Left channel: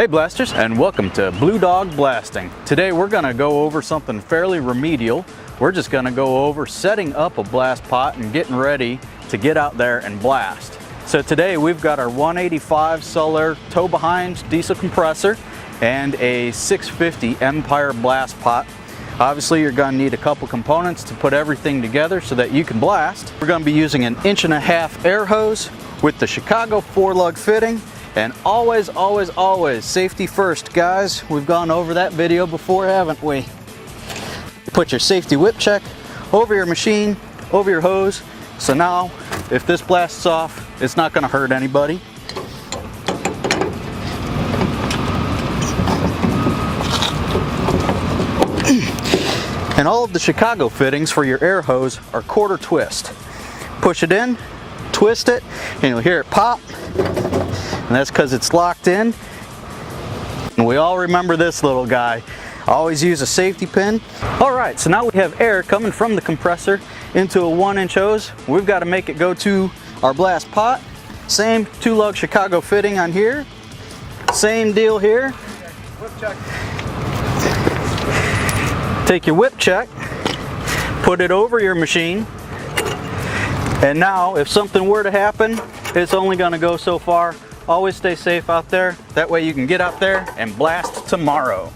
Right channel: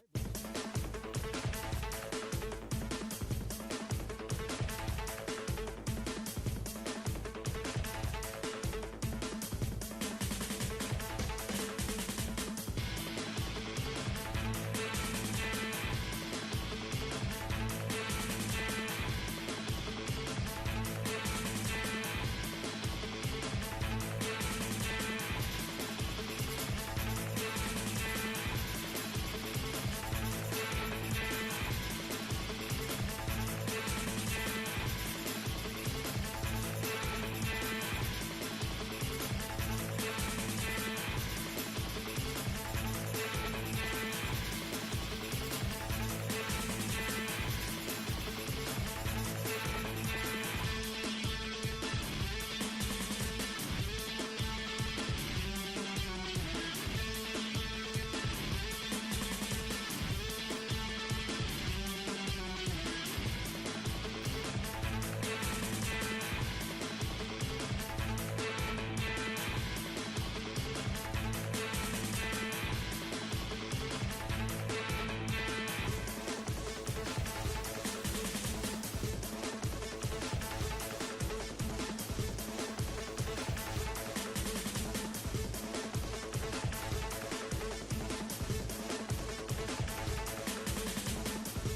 Hey blasters, and welcome to Blue Dog Blasting. Today we're going to go over something fairly remedial. We're just going to go over setting up a blast pot and getting ready to get out there and blast. So today we've got our 185 Sulair tow behind diesel compressor and a 650 Empire blast pot. Obviously you're going to need a couple components to put everything together so that you can blast. We're going to be using an 1.5 inch air hose with the Chicago 4-lug fitting. And always, always, always safety first, guys. We've gone over that video before, haven't we? Put your safety whip check over your machine, over your hose. So now, if this blasts off, it's not going to hurt anybody. And all of the Chicago fittings for your air hose are quarter twist. Push it in, twist it, and you'll hear it pop. And that's because it's locked in. And we all remember this little guy. Always use a safety pin. All right, so now we have air coming from the compressor into a 1-inch hose. We've got to make it go to our blast pot. Same 2-lug Chicago fitting on here. Same deal here. Whip check. Take your whip check, put it over your machine. And now, if something were to happen, it's only going to go so far. Always stay safe out there. That way you can get out there and blast tomorrow.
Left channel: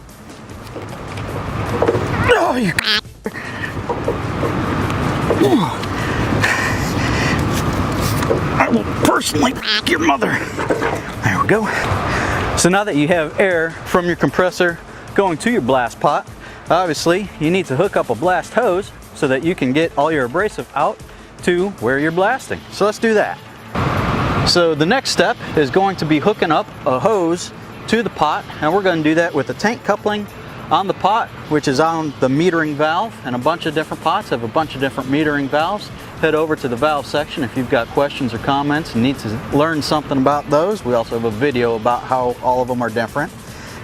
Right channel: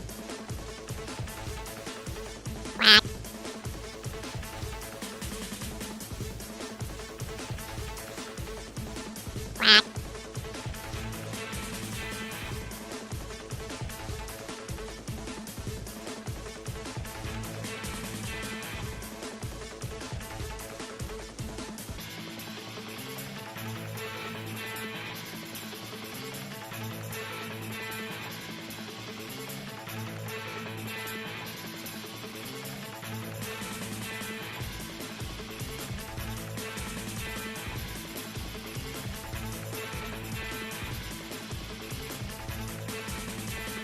Oh, you... I will personally f*** your mother. There we go. So now that you have air from your compressor going to your blast pot, obviously you need to hook up a blast hose so that you can get all your abrasive out to where you're blasting. So let's do that. So the next step is going to be hooking up a hose to the pot, and we're going to do that with the tank coupling on the pot, which is on the metering valve, and a bunch of different pots have a bunch of different metering valves. Head over to the valve section if you've got questions or comments and need to learn something about those. We also have a video about how all of them are different.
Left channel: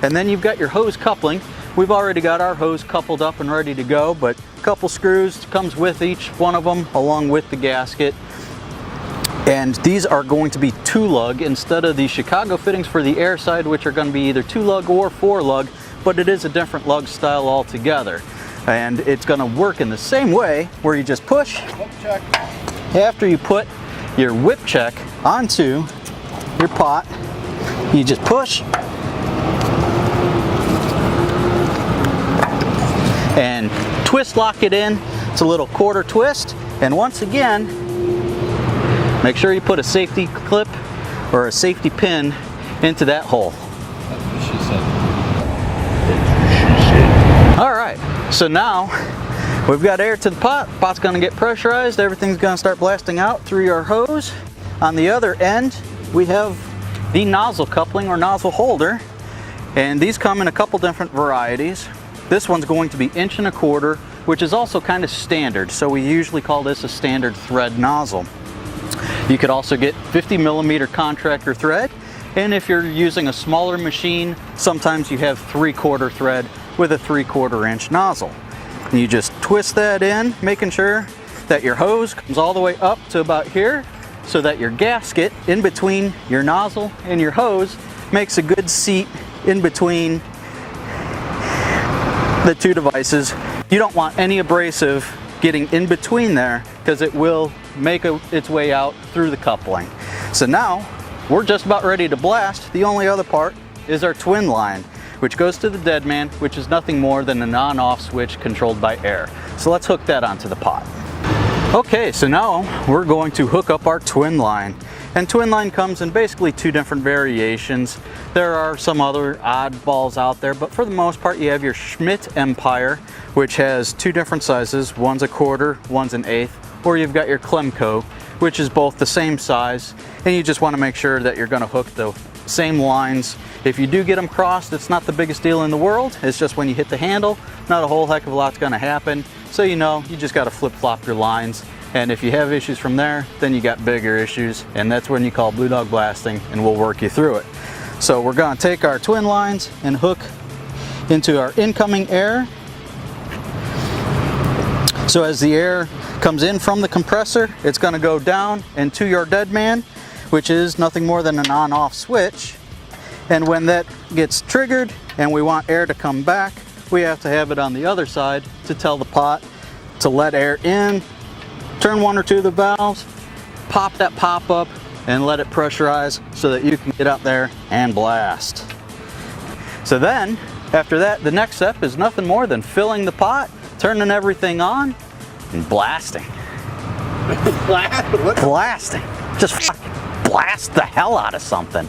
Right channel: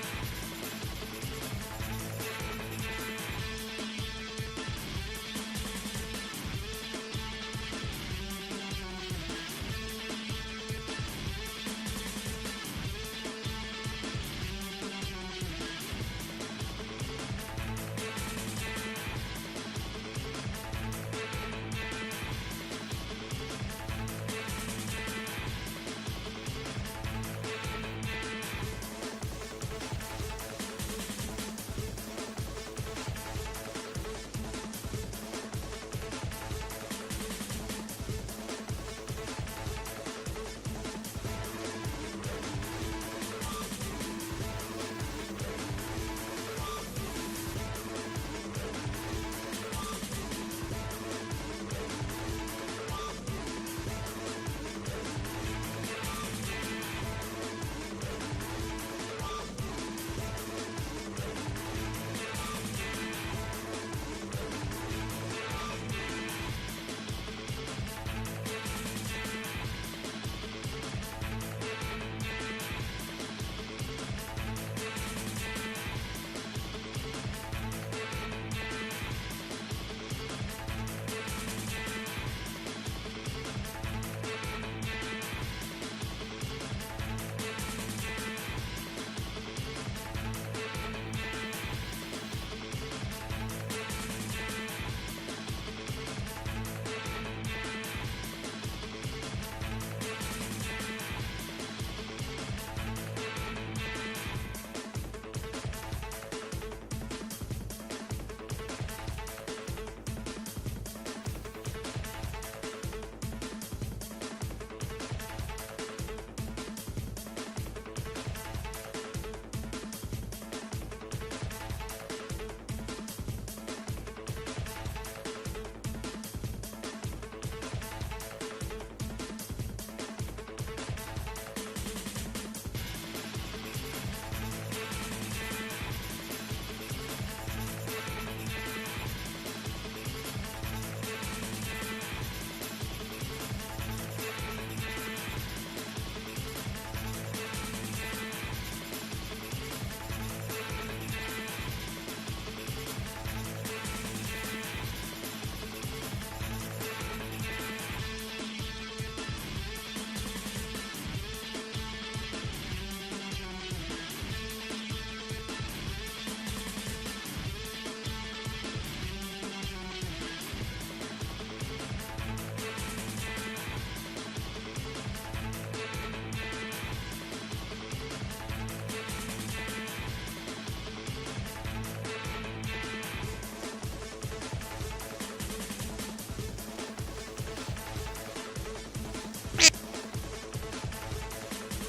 And then you've got your hose coupling. We've already got our hose coupled up and ready to go, but a couple screws comes with each one of them along with the gasket. And these are going to be 2-lug instead of the Chicago fittings for the air side, which are going to be either 2-lug or 4-lug, but it is a different lug style altogether. And it's going to work in the same way where you just push. After you put your whip check onto your pot, you just push and twist lock it in. It's a little quarter twist, and once again, make sure you put a safety clip or a safety pin into that hole. All right, so now we've got air to the pot. Pot's gonna get pressurized. Everything's gonna start blasting out through our hose. On the other end, we have the nozzle coupling or nozzle holder, and these come in a couple different varieties. This one's going to be 1.25 inch, which is also kind of standard. So we usually call this a standard thread nozzle. You could also get 50mm contractor thread, and if you're using a smaller machine, sometimes you have 3/4 thread with a 3/4 inch nozzle. And you just twist that in, making sure that your hose comes all the way up to about here, so that your gasket in between your nozzle and your hose makes a good seat in between the two devices. You don't want any abrasive getting in between there because it will make its way out through the coupling. So now we're just about ready to blast. The only other part is our Twinline, which goes to the dead man, which is nothing more than an on-off switch controlled by air. So let's hook that onto the pot. Okay, so now we're going to hook up our Twinline. And Twinline comes in basically 2 different variations. There are some other oddballs out there, but for the most part you have your Schmidt Empire, which has 2 different sizes. One's a 1/4, one's an 1/8, or you've got your Klemco, which is both the same size, and you just want to make sure that you're going to hook the same lines. If you do get them crossed, it's not the biggest deal in the world. It's just when you hit the handle, not a whole heck of a lot's going to happen. So you know, you just got to flip-flop your lines. And if you have issues from there, then you got bigger issues, and that's when you call Blue Dog Blasting, and we'll work you through it. So we're going to take our twin lines and hook into our incoming air. So as the air comes in from the compressor, it's going to go down and to your dead man, which is nothing more than an on-off switch. And when that gets triggered and we want air to come back, we have to have it on the other side to tell the pot to let air in, turn one or two of the valves, pop that pop up, and let it pressurize so that you can get up there and blast. So then, after that, the next step is nothing more than filling the pot, turning everything on, and blasting. Blasting. Just fucking blast the hell out of something.